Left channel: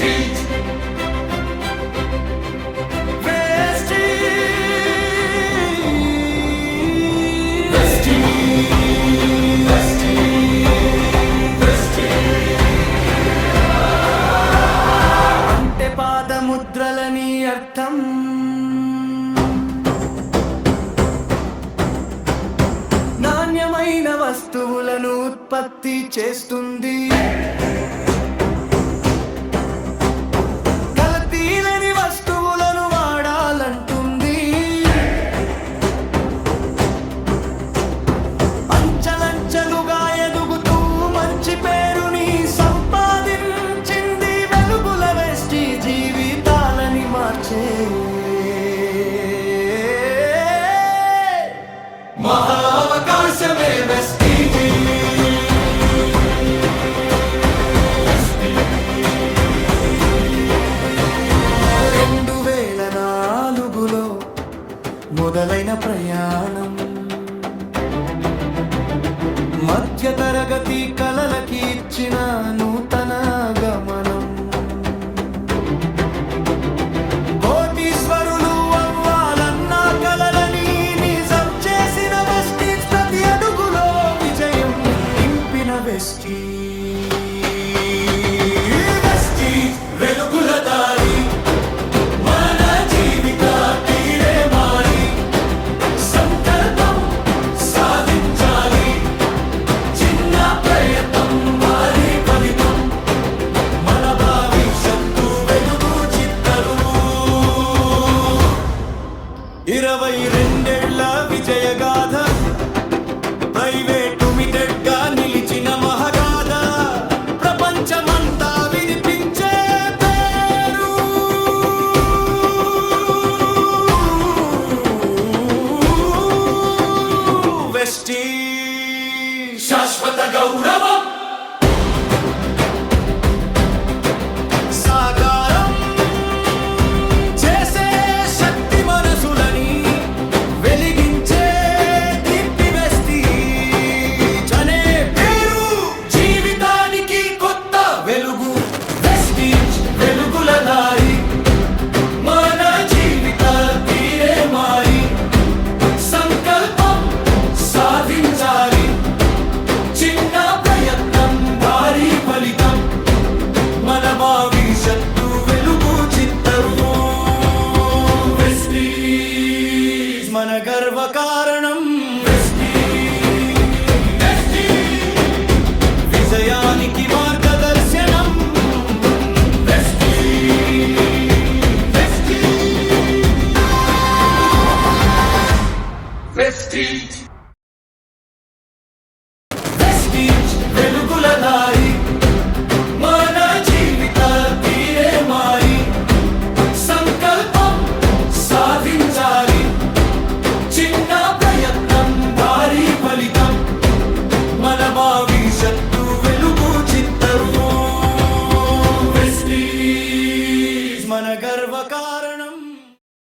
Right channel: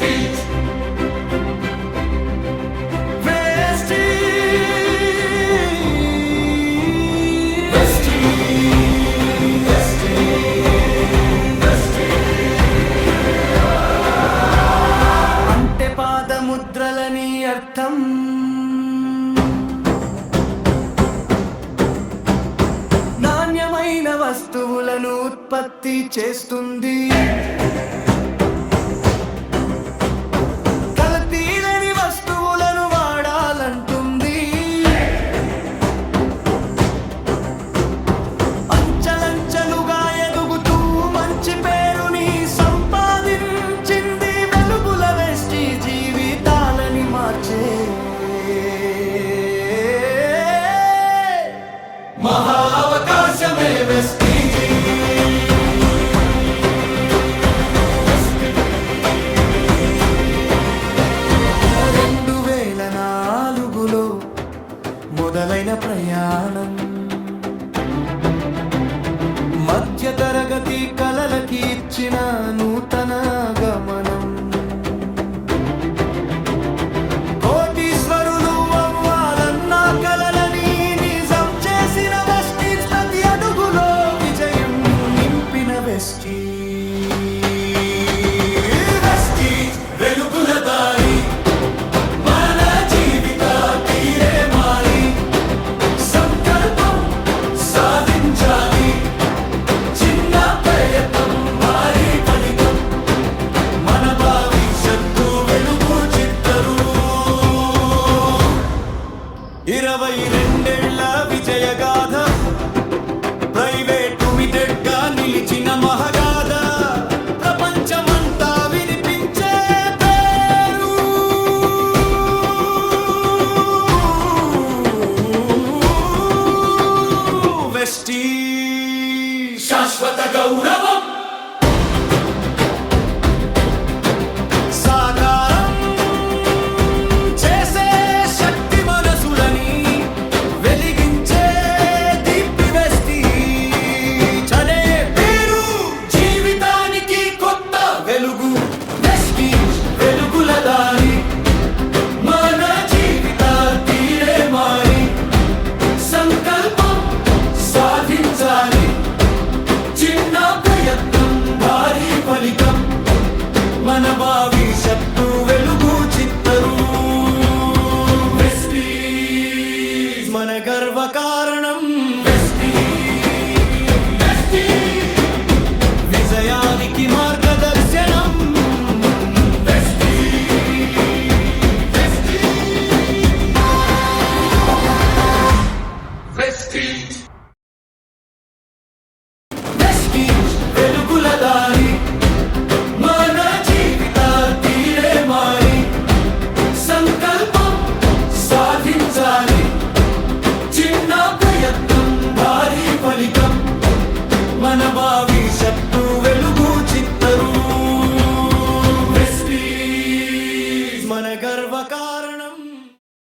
Vestige. అంటే పాదముద్రలని అర్థం. నాణ్యమైన వస్తువులను ఉత్పత్తి చేస్తుంది. కల్తీలేని వస్తువులను వాడాలంటుంది. అంచెలంచెలుగా ఎదుగుతూ మంచి పేరుని సంపాదించింది. వెలుగుల వెస్టి జీవితాలని మార్చే మహా అవకాశమే వెస్టి. 2004లో మొదలైన ప్రయాణం మధ్యతరగతి కలలకి ఇచ్చిన నూతన గమనం. కోటీశ్వరులు అవ్వాలన్న కలలని నిజం చేసిన వెస్టీజ్. ప్రతి అడుగులో విజయం నింపిన వెస్టీజ్. వెస్టీజ్ వెలుగుల దారి. మన జీవిత తీరే మారి సంకల్పం సాధించాలి. చిన్న ప్రయత్నం భారీ ఫలితం. మన భవిష్యత్తు వెలుగు చిత్తరువు. 22 ఏళ్ల విజయగాథ. ప్రైవేటు లిమిటెడ్ గా నిలిచిన మహగాథ. ప్రపంచమంతా వినిపించే పేరు. వెస్టీజ్ శాశ్వత గౌరవం. సాకారం చేసే శక్తి మనసులని వెలిగించే దీప్తి వెస్టీజ్ అనే పేరు. జీవితానికి కొత్త వెలుగు. వెస్టీజ్ వెలుగుల దారి. మన జీవిత తీరే మారి సంకల్పం సాధించాలి. చిన్న ప్రయత్నం భారీ ఫలితం. మన భవిష్యత్తు వెలుగు చిత్తరు. వెస్టీజ్ మన గర్వ కారణం. వెస్టీజ్ విజయానికి